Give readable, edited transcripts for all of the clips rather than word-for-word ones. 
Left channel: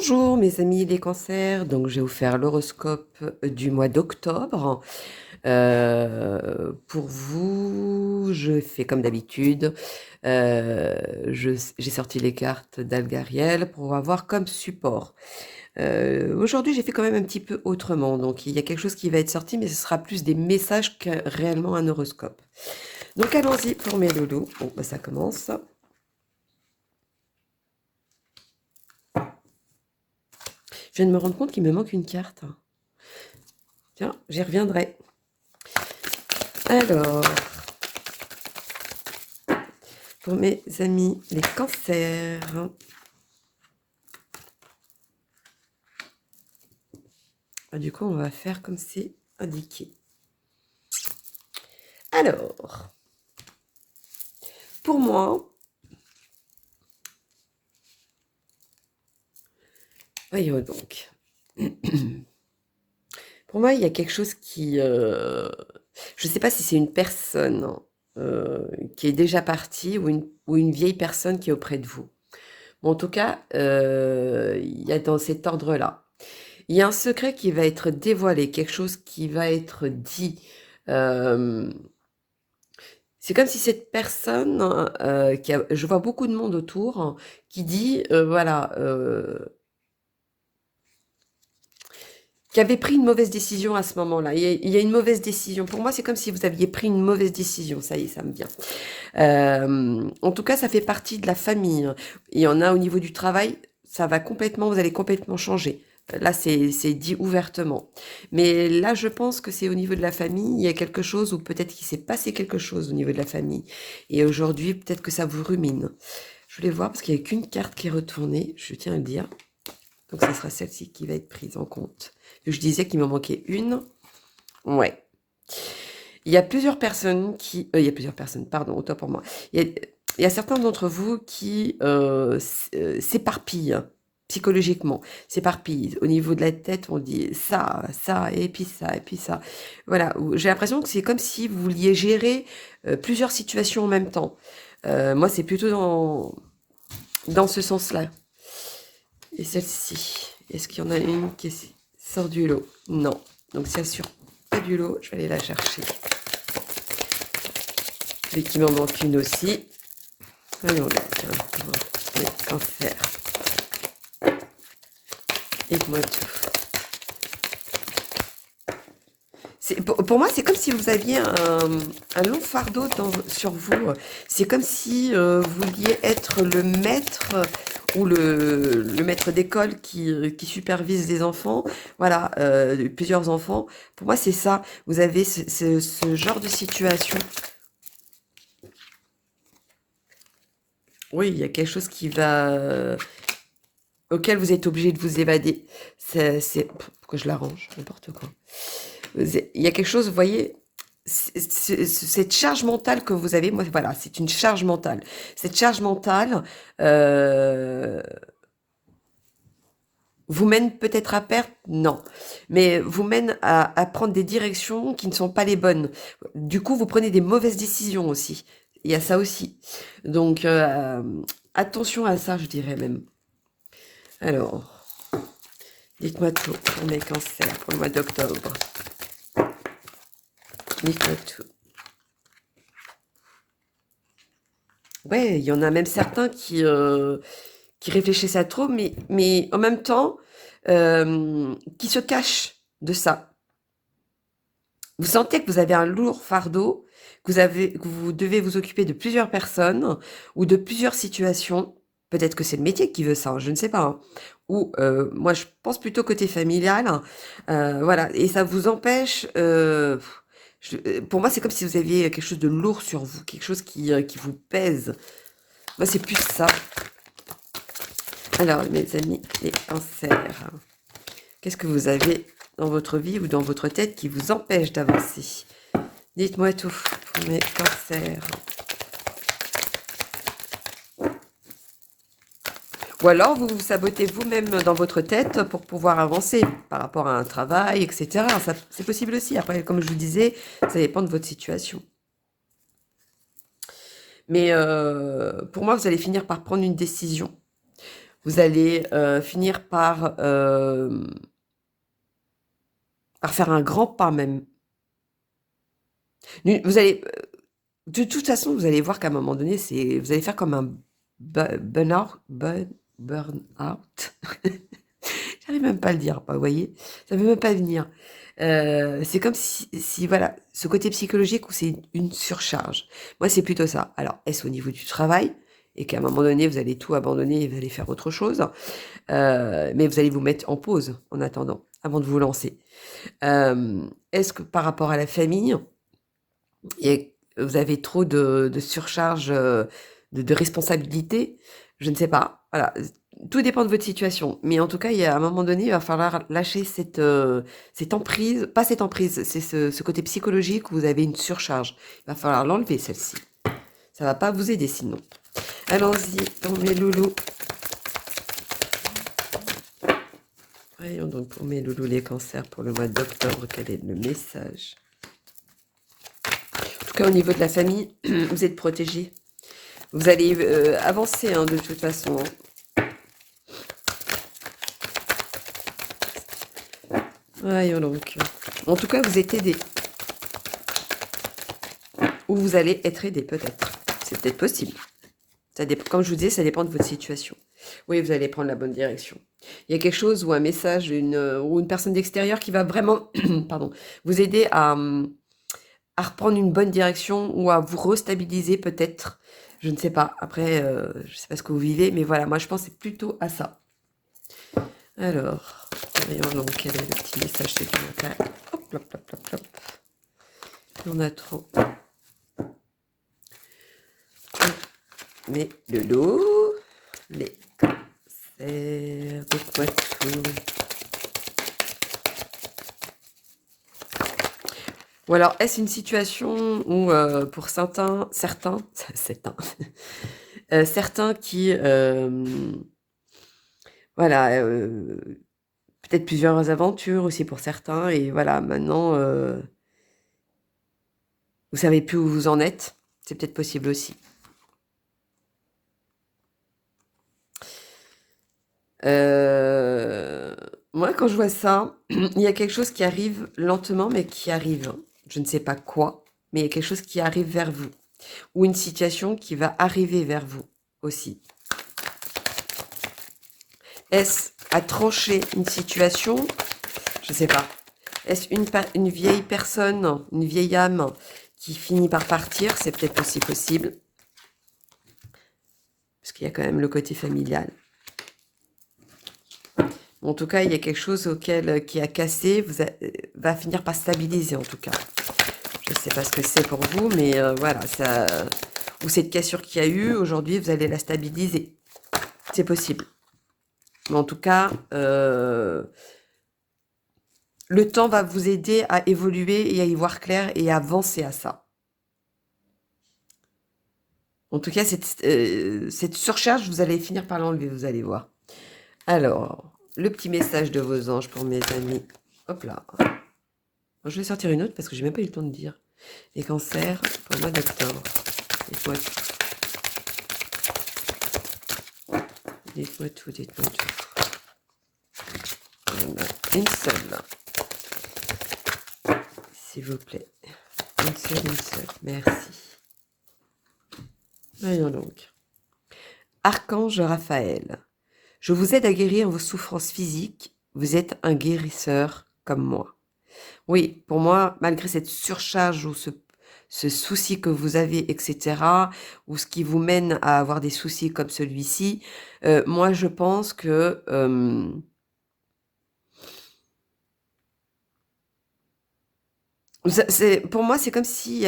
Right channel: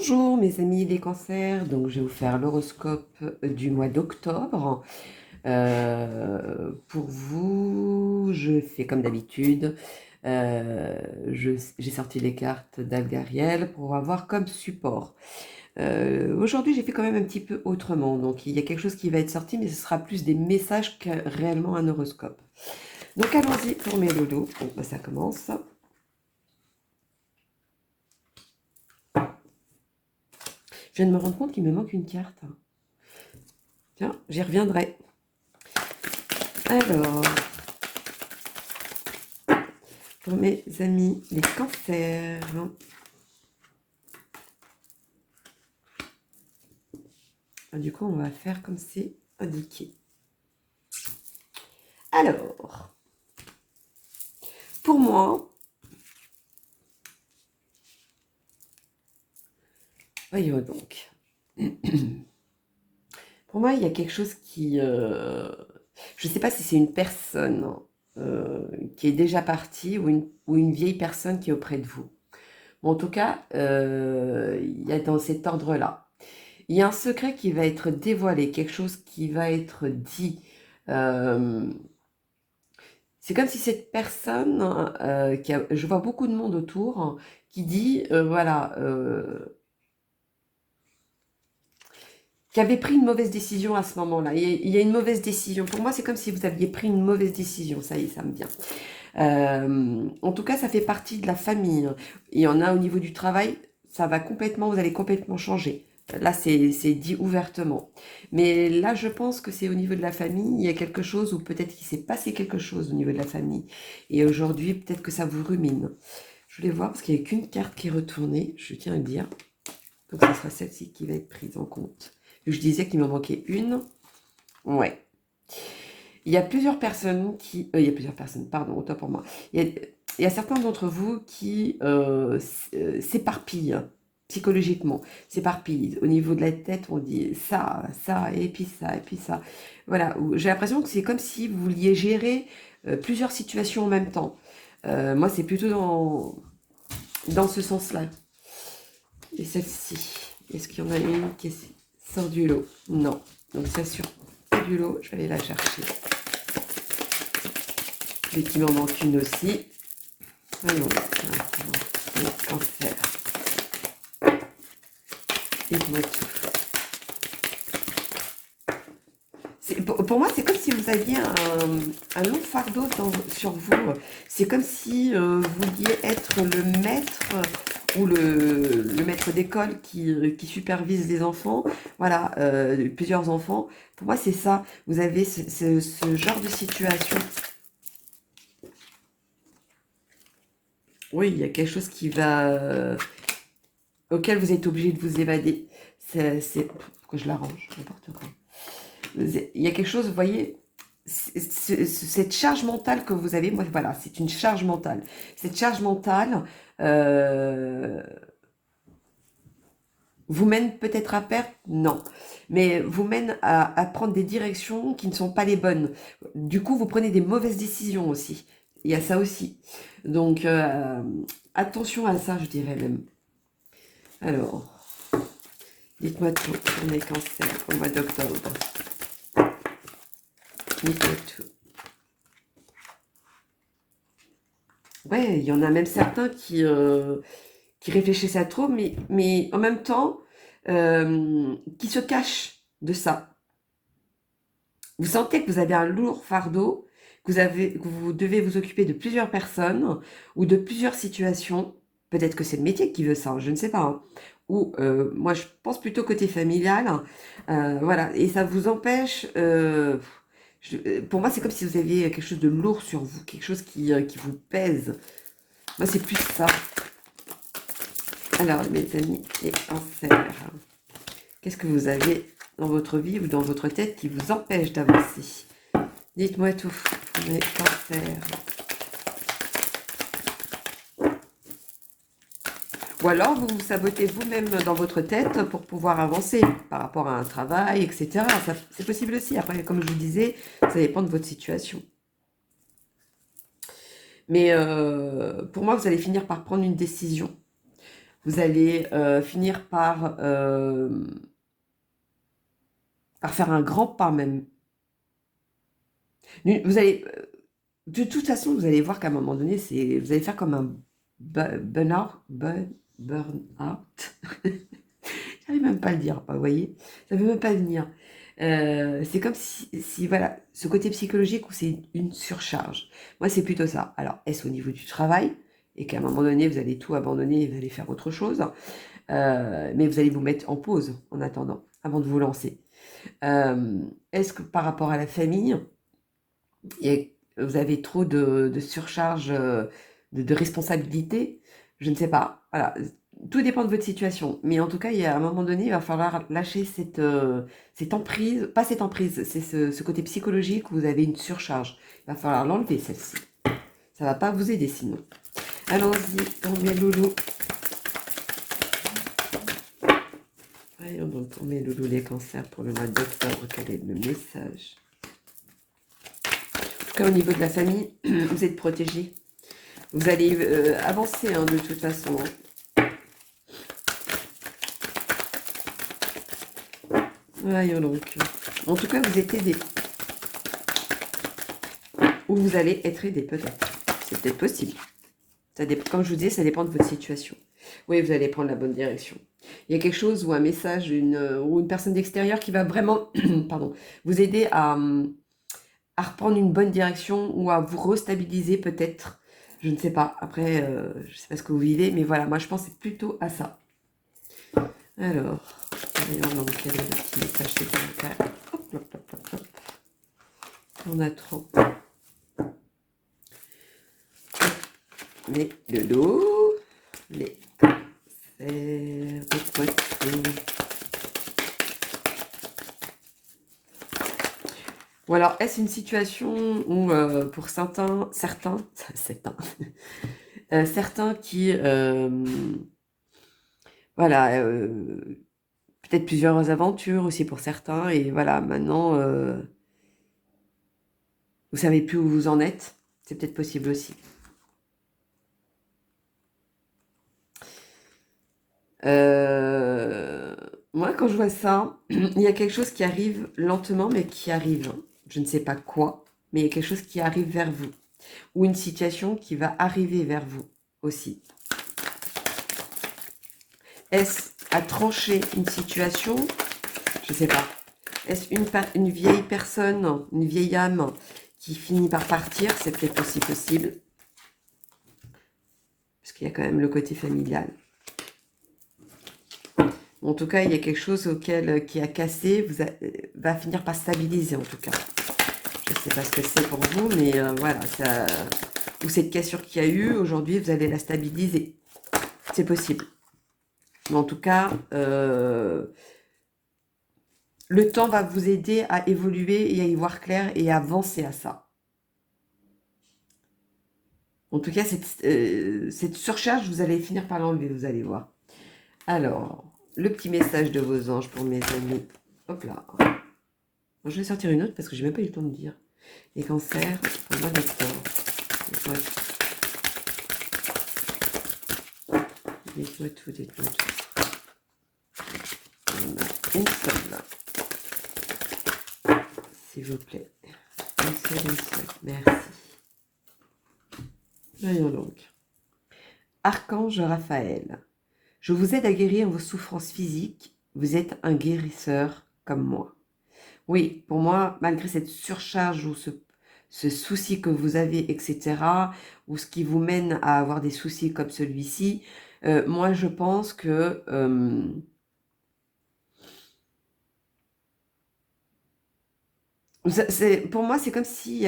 Bonjour mes amis les cancers, donc je vais vous faire l'horoscope du mois d'octobre. Pour vous, je fais comme d'habitude, j'ai sorti les cartes d'Algariel pour avoir comme support. Aujourd'hui j'ai fait quand même un petit peu autrement, donc il y a quelque chose qui va être sorti, mais ce sera plus des messages que réellement un horoscope. Donc allons-y pour mes loulous. Bon, bah, ça commence. Je viens de me rendre compte qu'il me manque une carte. Tiens, j'y reviendrai. Alors, pour mes amis les cancers. Du coup, on va faire comme c'est indiqué. Alors, pour moi, voyons donc. Pour moi, il y a quelque chose qui... je ne sais pas si c'est une personne qui est déjà partie ou une vieille personne qui est auprès de vous. Bon, en tout cas, il y a dans cet ordre-là. Il y a un secret qui va être dévoilé, quelque chose qui va être dit. C'est comme si cette personne, je vois beaucoup de monde autour, qui dit, voilà, qui avait pris une mauvaise décision à ce moment-là. Il y a une mauvaise décision. Pour moi, c'est comme si vous aviez pris une mauvaise décision. Ça y est, ça me vient. En tout cas, ça fait partie de la famille. Il y en a au niveau du travail, ça va complètement, vous allez complètement changer. Là, c'est dit ouvertement. Mais là, je pense que c'est au niveau de la famille, il y a quelque chose, ou peut-être qu'il s'est passé quelque chose au niveau de la famille. Et aujourd'hui, peut-être que ça vous rumine. Je voulais voir, parce qu'il n'y a qu'une carte qui est retournée, je tiens à le dire. Donc, ce sera celle-ci qui va être prise en compte. Je disais qu'il m'en manquait une. Ouais. Il y a plusieurs personnes qui... il y a plusieurs personnes, pardon, autant pour moi. Il y a certains d'entre vous qui s'éparpillent psychologiquement, s'éparpillent. Au niveau de la tête, on dit ça, ça, et puis ça, et puis ça. Voilà, j'ai l'impression que c'est comme si vous vouliez gérer plusieurs situations en même temps. Moi, c'est plutôt dans ce sens-là. Et celle-ci, est-ce qu'il y en a une qui sort du lot? Non. Donc, c'est sûr, pas du lot, je vais aller la chercher. Et qu'il m'en manque une aussi. Voyons voir. Cancer. Dites-moi tout. Pour moi, c'est comme si vous aviez un long fardeau sur vous. C'est comme si vous vouliez être le maître ou le maître d'école qui supervise les enfants. Voilà, plusieurs enfants. Pour moi, c'est ça. Vous avez ce genre de situation. Oui, il y a quelque chose qui va... auquel vous êtes obligé de vous évader. Pourquoi je l'arrange? N'importe quoi. Il y a quelque chose, vous voyez, cette charge mentale que vous avez, moi, voilà, c'est une charge mentale. Cette charge mentale vous mène peut-être à perte, non, mais vous mène à prendre des directions qui ne sont pas les bonnes. Du coup, vous prenez des mauvaises décisions aussi. Il y a ça aussi. Donc, attention à ça, je dirais même. Alors, dites-moi tout pour mes cancers au mois d'octobre. Dites-moi tout. Ouais, il y en a même certains qui réfléchissent à trop, mais en même temps, qui se cachent de ça. Vous sentez que vous avez un lourd fardeau, que vous devez vous occuper de plusieurs personnes ou de plusieurs situations. Peut-être que c'est le métier qui veut ça, je ne sais pas, hein. Ou moi, je pense plutôt côté familial. Voilà, et ça vous empêche... pour moi, c'est comme si vous aviez quelque chose de lourd sur vous, quelque chose qui vous pèse. Moi, c'est plus ça. Alors, mes amis, les cancers, qu'est-ce que vous avez dans votre vie ou dans votre tête qui vous empêche d'avancer? Dites-moi tout pour mes cancers. Ou alors, vous vous sabotez vous-même dans votre tête pour pouvoir avancer par rapport à un travail, etc. C'est possible aussi. Après, comme je vous disais, ça dépend de votre situation. Mais pour moi, vous allez finir par prendre une décision. Vous allez finir par faire un grand pas même. Vous allez, de toute façon, vous allez voir qu'à un moment donné, vous allez faire comme un burn-out. Burn-out. J'arrive même pas à le dire, vous voyez, ça ne veut même pas venir. C'est comme si, voilà, ce côté psychologique où c'est une surcharge. Moi, c'est plutôt ça. Alors, est-ce au niveau du travail et qu'à un moment donné, vous allez tout abandonner et vous allez faire autre chose, mais vous allez vous mettre en pause en attendant, avant de vous lancer. Est-ce que par rapport à la famille, vous avez trop de surcharge, de responsabilité? Je ne sais pas. Voilà. Tout dépend de votre situation. Mais en tout cas, à un moment donné, il va falloir lâcher cette emprise, pas cette emprise, c'est ce côté psychologique où vous avez une surcharge. Il va falloir l'enlever, celle-ci. Ça ne va pas vous aider sinon. Allons-y, pour mes loulous. Voyons donc pour mes loulous les cancers pour le mois d'octobre, quel est le message? En tout cas, au niveau de la famille, vous êtes protégés. Vous allez avancer de toute façon. Voyons donc. En tout cas, vous êtes aidés. Ou vous allez être aidé peut-être. C'est peut-être possible. Comme je vous disais, ça dépend de votre situation. Oui, vous allez prendre la bonne direction. Il y a quelque chose ou un message ou une personne d'extérieur qui va vraiment pardon, vous aider à reprendre une bonne direction ou à vous restabiliser peut-être. Je ne sais pas. Après, je ne sais pas ce que vous vivez, mais voilà, moi je pense plutôt à ça. Alors, voyons donc quel est le petit message supplémentaire. Hop, hop, hop, hop, hop. On a trop. Mais le lot, les cancers de poitou. Ou alors, est-ce une situation où, pour certains qui, voilà, peut-être plusieurs aventures aussi pour certains, et voilà, maintenant, vous savez plus où vous en êtes, c'est peut-être possible aussi. Moi, quand je vois ça, il y a quelque chose qui arrive lentement, mais qui arrive. Je ne sais pas quoi, mais il y a quelque chose qui arrive vers vous. Ou une situation qui va arriver vers vous aussi. Est-ce à trancher une situation? Je ne sais pas. Est-ce une vieille personne, une vieille âme qui finit par partir? C'est peut-être aussi possible. Parce qu'il y a quand même le côté familial. En tout cas, il y a quelque chose qui a cassé, va finir par stabiliser en tout cas. Je ne sais pas ce que c'est pour vous, mais voilà, ou cette cassure qu'il y a eu, aujourd'hui, vous allez la stabiliser. C'est possible. Mais en tout cas, le temps va vous aider à évoluer et à y voir clair et à avancer à ça. En tout cas, cette surcharge, vous allez finir par l'enlever, vous allez voir. Alors, le petit message de vos anges pour mes amis. Hop là. Je vais sortir une autre parce que j'ai même pas eu le temps de dire. Les cancers pour le mois d'octobre. Dites-moi tout. Dites-moi tout, dites-moi tout. Une seule là. S'il vous plaît. Une seule. Merci. Voyons donc. Archange Raphaël. Je vous aide à guérir vos souffrances physiques. Vous êtes un guérisseur comme moi. Oui, pour moi, malgré cette surcharge ou ce souci que vous avez, etc., ou ce qui vous mène à avoir des soucis comme celui-ci, moi, je pense que pour moi, c'est comme si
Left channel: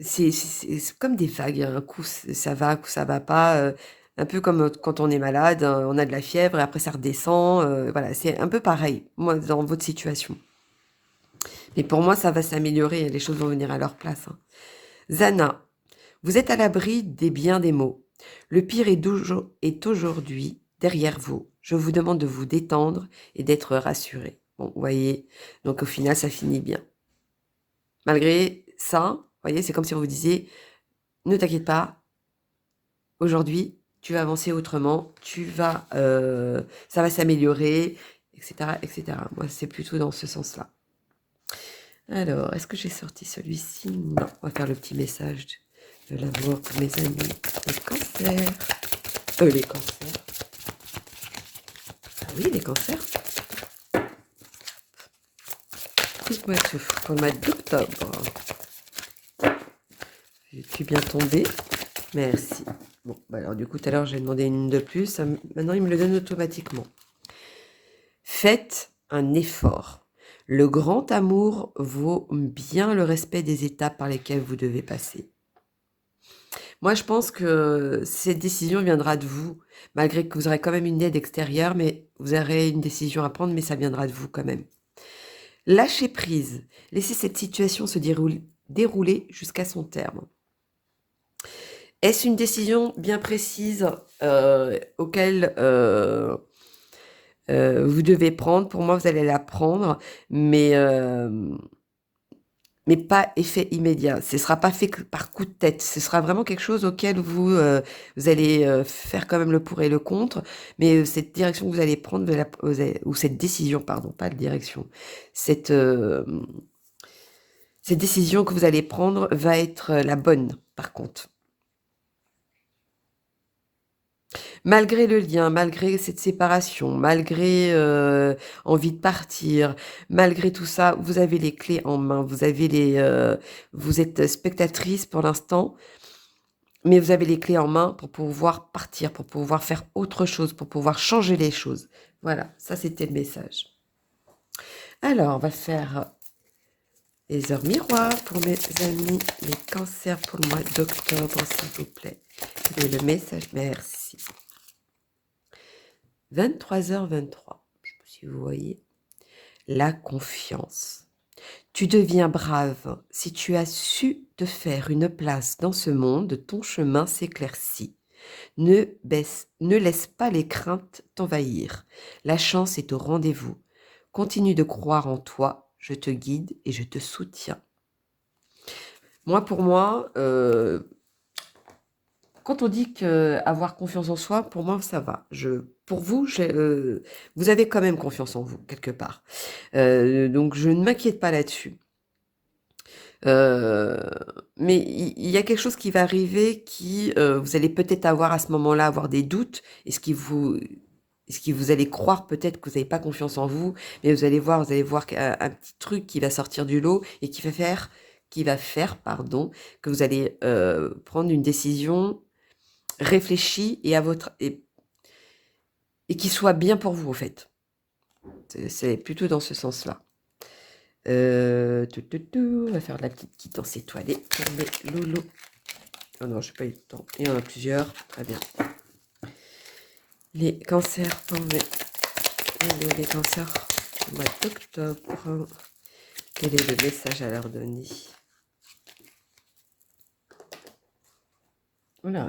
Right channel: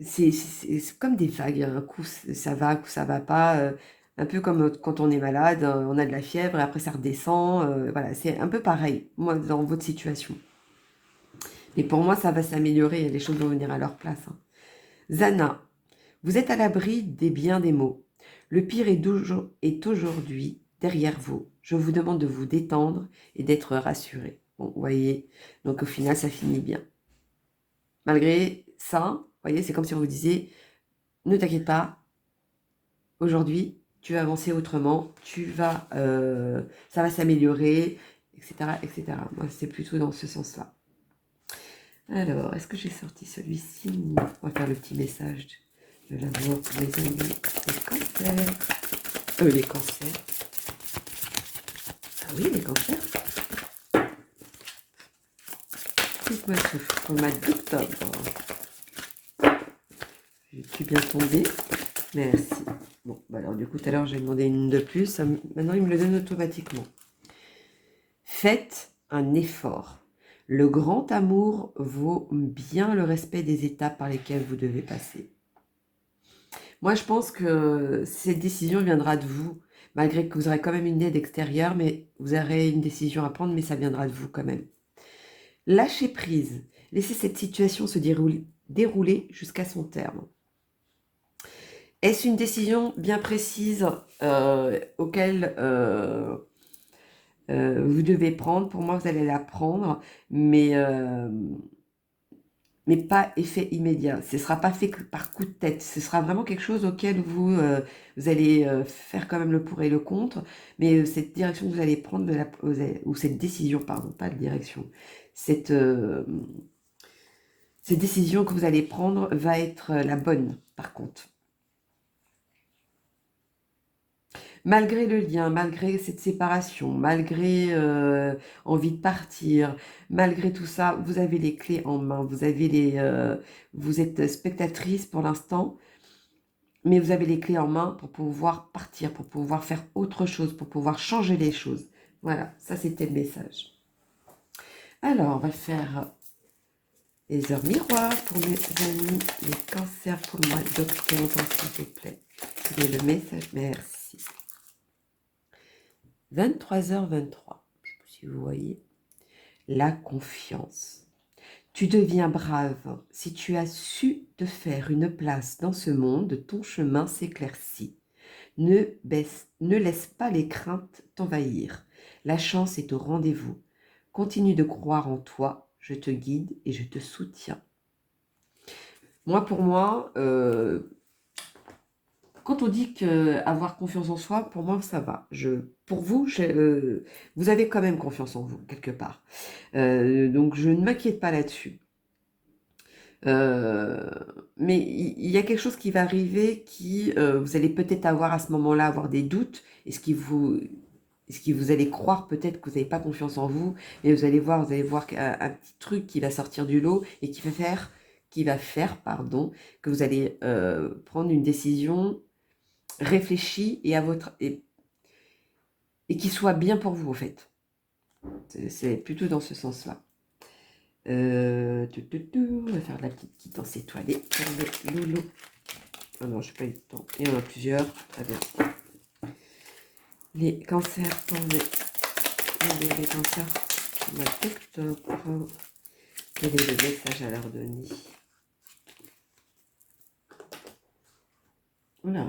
c'est comme des vagues. Un coup, ça va, un coup, ça va pas. Un peu comme quand on est malade, on a de la fièvre et après ça redescend. Voilà, c'est un peu pareil, moi, dans votre situation. Mais pour moi, ça va s'améliorer, les choses vont venir à leur place. Hein. Zana, vous êtes à l'abri des biens des maux. Le pire est aujourd'hui derrière vous. Je vous demande de vous détendre et d'être rassuré. Bon, vous voyez, donc au final, ça finit bien. Malgré ça, vous voyez, c'est comme si on vous disait, ne t'inquiète pas, aujourd'hui, tu vas avancer autrement, ça va s'améliorer, etc., etc. Moi, c'est plutôt dans ce sens-là. Alors, est-ce que j'ai sorti celui-ci? Non. On va faire le petit message de l'amour pour mes amis. Les cancers. Les cancers. Ah oui, les cancers. Dites-moi tout pour le mois d'octobre. J'ai bien tombé. Merci. Bon, bah alors du coup, tout à l'heure, j'ai demandé une de plus. Maintenant, il me le donne automatiquement. Faites un effort. Le grand amour vaut bien le respect des étapes par lesquelles vous devez passer. Moi, je pense que cette décision viendra de vous, malgré que vous aurez quand même une aide extérieure, mais vous aurez une décision à prendre, mais ça viendra de vous quand même. Lâchez prise. Laissez cette situation se dérouler jusqu'à son terme. Est-ce une décision bien précise auquel vous devez prendre? Pour moi, vous allez la prendre, mais pas effet immédiat. Ce ne sera pas fait par coup de tête. Ce sera vraiment quelque chose auquel vous allez faire quand même le pour et le contre, mais cette direction que vous allez prendre, ou cette décision, pardon, pas de direction, cette décision que vous allez prendre va être la bonne, par contre. Malgré le lien, malgré cette séparation, malgré envie de partir, malgré tout ça, vous avez les clés en main. Vous êtes spectatrice pour l'instant, mais vous avez les clés en main pour pouvoir partir, pour pouvoir faire autre chose, pour pouvoir changer les choses. Voilà, ça c'était le message. Alors, on va faire les heures miroirs pour mes amis, les cancers pour le mois d'octobre, s'il vous plaît. Et le message, merci. 23h23, je sais pas si vous voyez, la confiance. Tu deviens brave si tu as su te faire une place dans ce monde, ton chemin s'éclaircit. Ne laisse pas les craintes t'envahir. La chance est au rendez-vous. Continue de croire en toi, je te guide et je te soutiens. Pour moi, quand on dit qu'avoir confiance en soi, pour moi, ça va. Pour vous, vous avez quand même confiance en vous, quelque part. Donc, je ne m'inquiète pas là-dessus. Mais il y a quelque chose qui va arriver vous allez peut-être avoir à ce moment-là, avoir des doutes. Est-ce que vous allez croire peut-être que vous n'avez pas confiance en vous, mais vous allez voir un petit truc qui va sortir du lot et qui va faire, pardon, que vous allez prendre une décision réfléchi et qui soit bien pour vous, en fait. C'est plutôt dans ce sens-là. On va faire de la petite quittance étoilée pour les loulous. Oh non, je n'ai pas eu le temps. Il y en a plusieurs. Très bien. Les cancers pour les cancers au mois d'octobre. Quel est le message à leur donner? Voilà,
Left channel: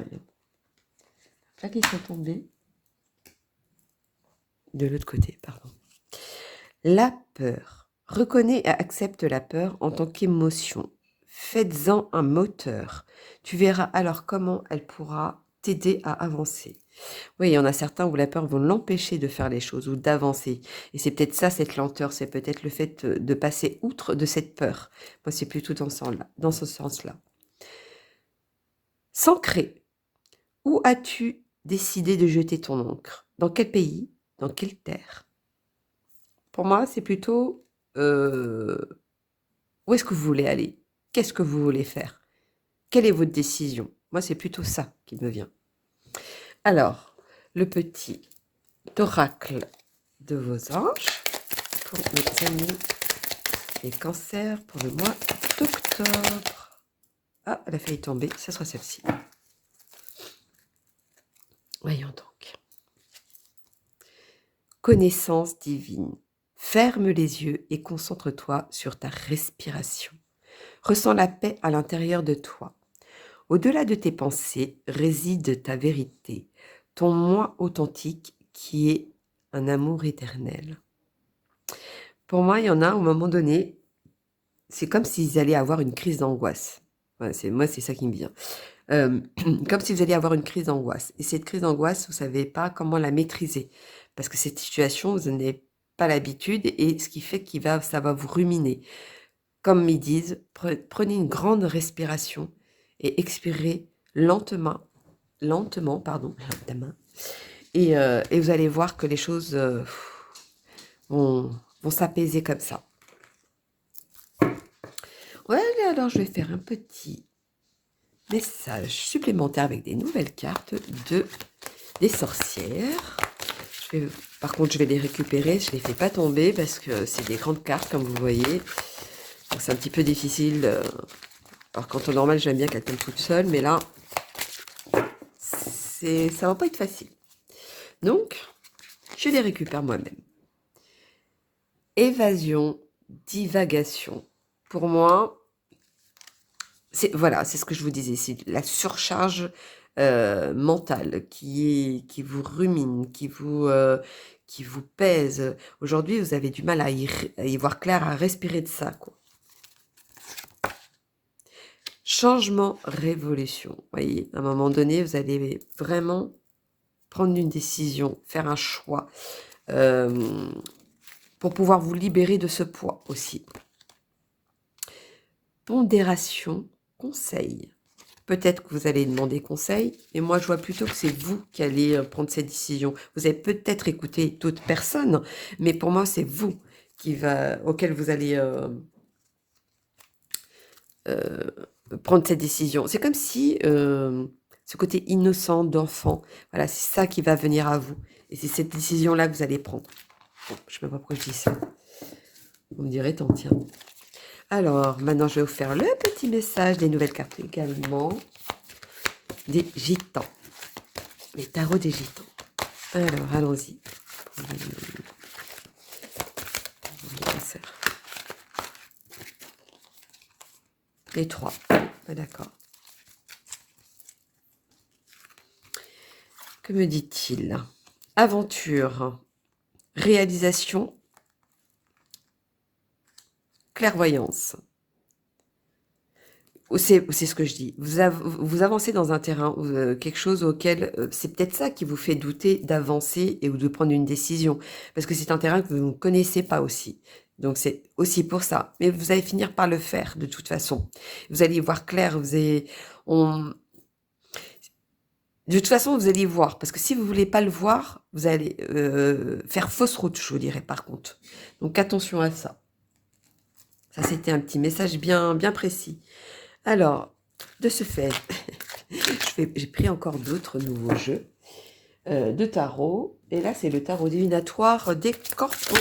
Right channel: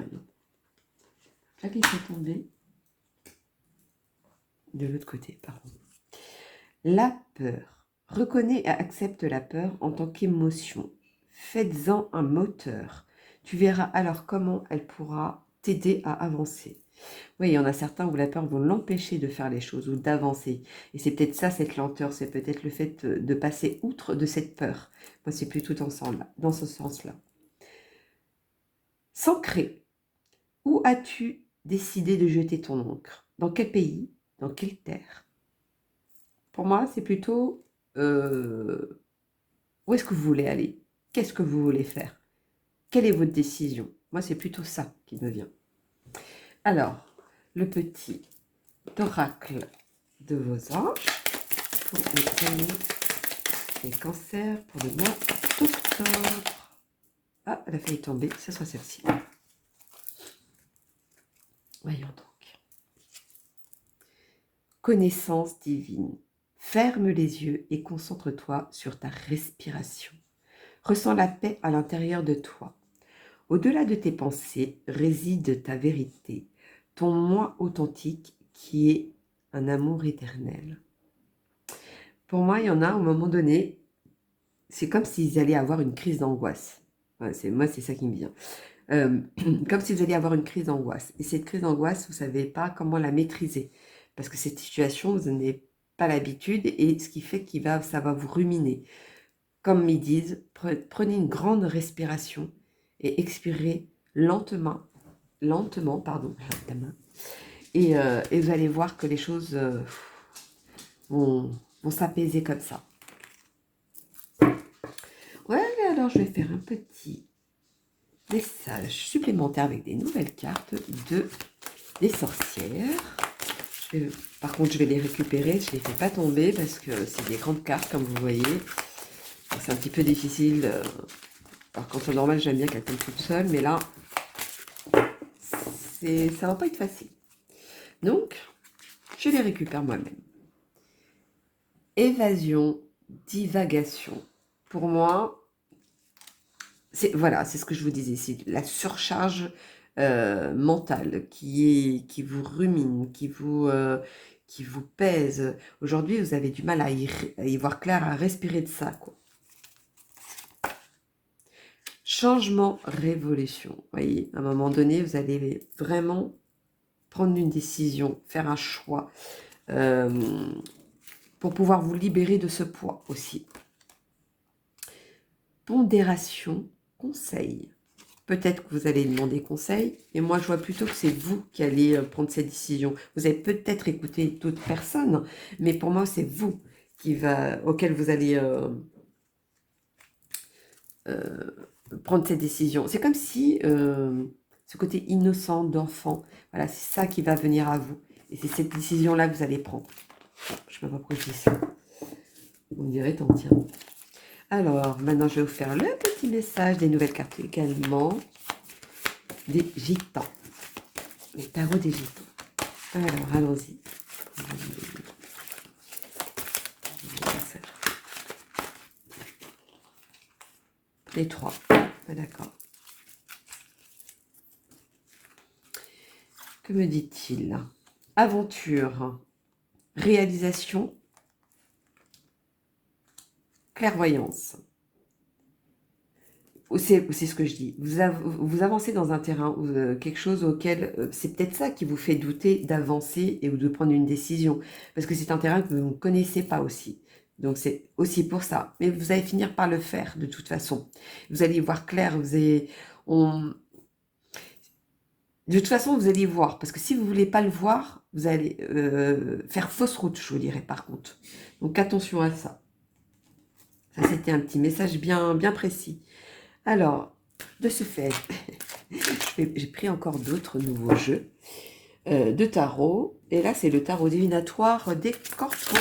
là qui sont tombés. De l'autre côté, pardon. La peur. Reconnais et accepte la peur en tant qu'émotion. Faites-en un moteur. Tu verras alors comment elle pourra t'aider à avancer. Oui, il y en a certains où la peur va l'empêcher de faire les choses ou d'avancer. Et c'est peut-être ça, cette lenteur, c'est peut-être le fait de passer outre de cette peur. Moi, c'est plutôt dans ce sens-là. S'ancrer. Où as-tu décidé de jeter ton encre? Dans quel pays? Dans quelle terre? Pour moi, c'est plutôt où est-ce que vous voulez aller? Qu'est-ce que vous voulez faire? Quelle est votre décision? Moi, c'est plutôt ça qui me vient. Alors, le petit oracle de vos anges pour mes amis les cancers pour le mois d'octobre. Ah, elle a failli tomber, ça soit celle-ci. Voyons donc. Connaissance divine. Ferme les yeux et concentre-toi sur ta respiration. Ressens la paix à l'intérieur de toi. Au-delà de tes pensées réside ta vérité, ton moi authentique qui est un amour éternel. Pour moi, il y en a, au moment donné, c'est comme s'ils allaient avoir une crise d'angoisse. Moi, c'est ça qui me vient. euh, comme si vous alliez avoir une crise d'angoisse. Et cette crise d'angoisse, vous ne savez pas comment la maîtriser. Parce que cette situation, vous n'avez pas l'habitude et ce qui fait que ça va vous ruminer. Comme ils disent, prenez une grande respiration et expirez lentement, lentement, et vous allez voir que les choses vont s'apaiser comme ça. Voilà, alors je vais faire un petit message supplémentaire avec des nouvelles cartes des sorcières. Par contre, je vais les récupérer, je ne les fais pas tomber parce que c'est des grandes cartes, comme vous voyez. C'est un petit peu difficile. Alors, quand au normal, j'aime bien qu'elles tombent toutes seules, mais là, ça va pas être facile. Donc, je les récupère moi-même. Évasion, divagation. Pour moi, voilà, c'est ce que je vous disais, c'est la surcharge mentale qui vous rumine, qui vous pèse. Aujourd'hui, vous avez du mal à y voir clair, à respirer de ça, quoi. Changement, révolution. Vous voyez, à un moment donné, vous allez vraiment prendre une décision, faire un choix pour pouvoir vous libérer de ce poids aussi. Pondération, conseil. Peut-être que vous allez demander conseil, mais moi je vois plutôt que c'est vous qui allez prendre cette décision. Vous allez peut-être écouter d'autres personnes, mais pour moi c'est vous auquel vous allez prendre cette décision. C'est comme si ce côté innocent d'enfant, voilà, c'est ça qui va venir à vous. Et c'est cette décision-là que vous allez prendre. Bon, je ne sais pas pourquoi je dis ça. Vous me direz, tant tiens. Alors, maintenant, je vais vous faire le petit message des nouvelles cartes également. Des gitans. Les tarots des gitans. Alors, allons-y. Les trois. Ah, d'accord. Que me dit-il? Aventure, réalisation, clairvoyance. C'est ce que je dis. Vous avancez dans un terrain, quelque chose auquel c'est peut-être ça qui vous fait douter d'avancer ou de prendre une décision. Parce que c'est un terrain que vous ne connaissez pas aussi. Donc c'est aussi pour ça. Mais vous allez finir par le faire de toute façon. Vous allez y voir clair. De toute façon, vous allez y voir. Parce que si vous ne voulez pas le voir, vous allez faire fausse route, je vous dirais par contre. Donc attention à ça. Ça, c'était un petit message bien, bien précis. Alors, de ce fait, j'ai pris encore d'autres nouveaux jeux de tarot. Et là, c'est le tarot divinatoire des corpos.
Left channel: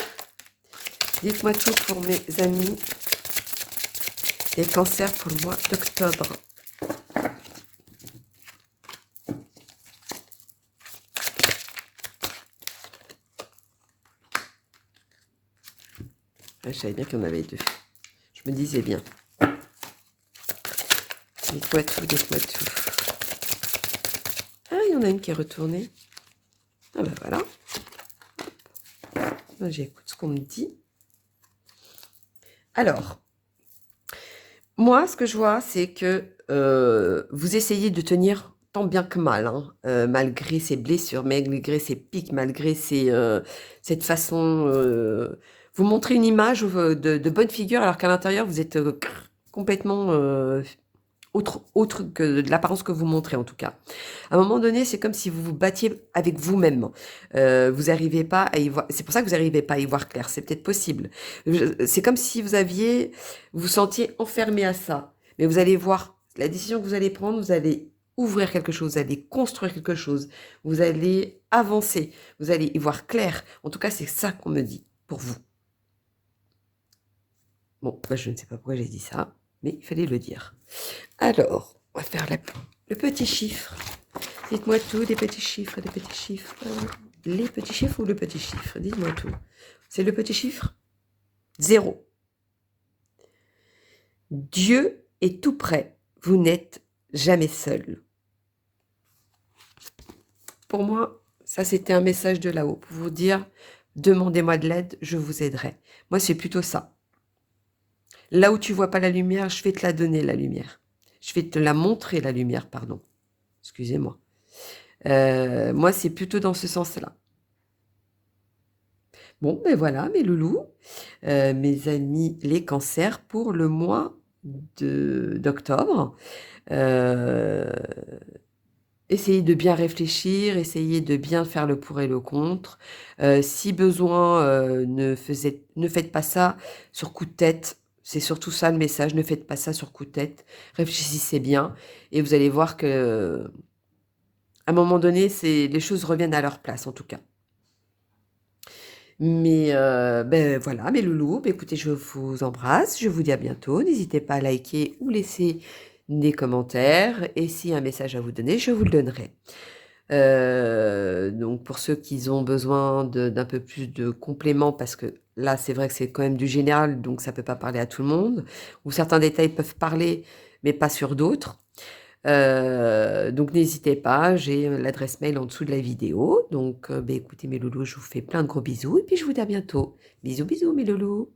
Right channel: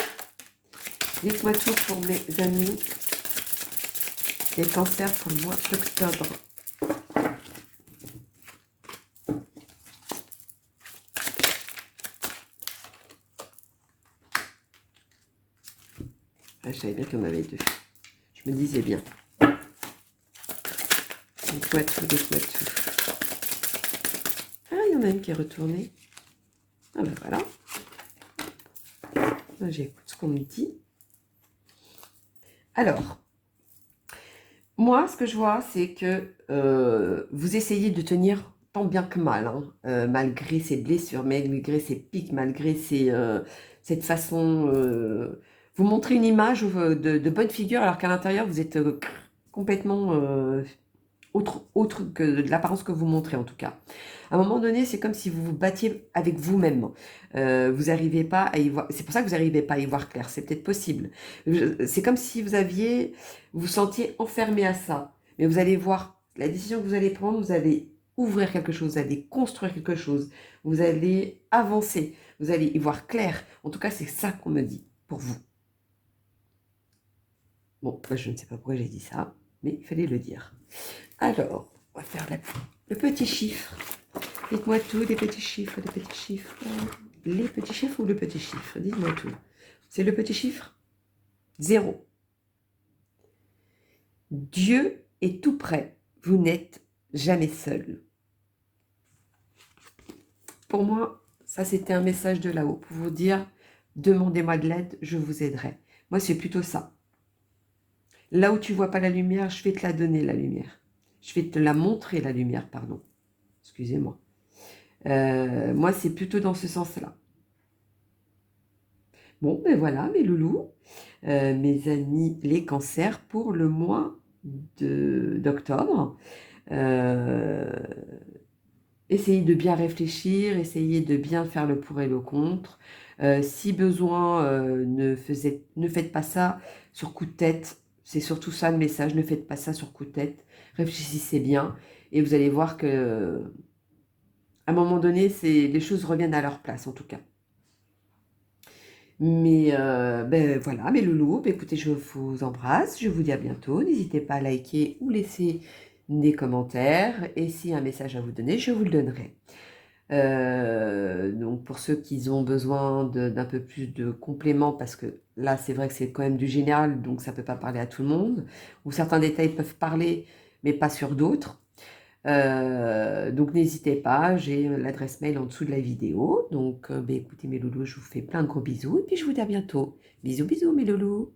Dites-moi tout pour mes amis. Les cancers pour le mois d'octobre. Ah, je savais bien qu'il y en avait deux. Je me disais bien. Dites-moi tout, dites-moi tout. Ah, il y en a une qui est retournée. Ah ben voilà. Moi, j'écoute ce qu'on me dit. Alors, moi, ce que je vois, c'est que vous essayez de tenir tant bien que mal, hein, malgré ces blessures, malgré ces pics, malgré cette façon... vous montrez une image de bonne figure, alors qu'à l'intérieur, vous êtes complètement autre que de l'apparence que vous montrez, en tout cas. À un moment donné, c'est comme si vous vous battiez avec vous-même. Vous n'arrivez pas à y voir... C'est pour ça que vous n'arrivez pas à y voir clair. C'est peut-être possible. C'est comme si vous vous sentiez enfermé à ça. Mais vous allez voir la décision que vous allez prendre, vous allez ouvrir quelque chose, vous allez construire quelque chose, vous allez avancer, vous allez y voir clair. En tout cas, c'est ça qu'on me dit pour vous. Bon, ben, je ne sais pas pourquoi j'ai dit ça, mais il fallait le dire. Alors, on va faire le petit chiffre. Dites-moi tout, les petits chiffres, les petits chiffres. Les petits chiffres ou le petit chiffre? Dites-moi tout. C'est le petit chiffre 0. Dieu est tout près. Vous n'êtes jamais seul. Pour moi, ça c'était un message de là-haut pour vous dire, demandez-moi de l'aide, je vous aiderai. Moi, c'est plutôt ça. Là où tu vois pas la lumière, je vais te la donner, la lumière. Je vais te la montrer, la lumière, pardon. Excusez-moi. Moi, c'est plutôt dans ce sens-là. Bon, ben voilà, mes loulous, mes amis les cancers pour le mois d'octobre. Euh, Essayez de bien réfléchir, essayez de bien faire le pour et le contre. Si besoin, ne faites pas ça sur coup de tête. C'est surtout ça le message, ne faites pas ça sur coup de tête. Réfléchissez bien et vous allez voir que à un moment donné, les choses reviennent à leur place en tout cas. Mais ben voilà, mes loulous, ben écoutez, je vous embrasse, je vous dis à bientôt. N'hésitez pas à liker ou laisser des commentaires. Et si un message à vous donner, je vous le donnerai. Donc pour ceux qui ont besoin d'un peu plus de compléments, parce que là c'est vrai que c'est quand même du général, donc ça ne peut pas parler à tout le monde, ou certains détails peuvent parler, mais pas sur d'autres. Donc n'hésitez pas, j'ai l'adresse mail en dessous de la vidéo. Donc ben, écoutez mes loulous, je vous fais plein de gros bisous et puis je vous dis à bientôt. Bisous bisous mes loulous.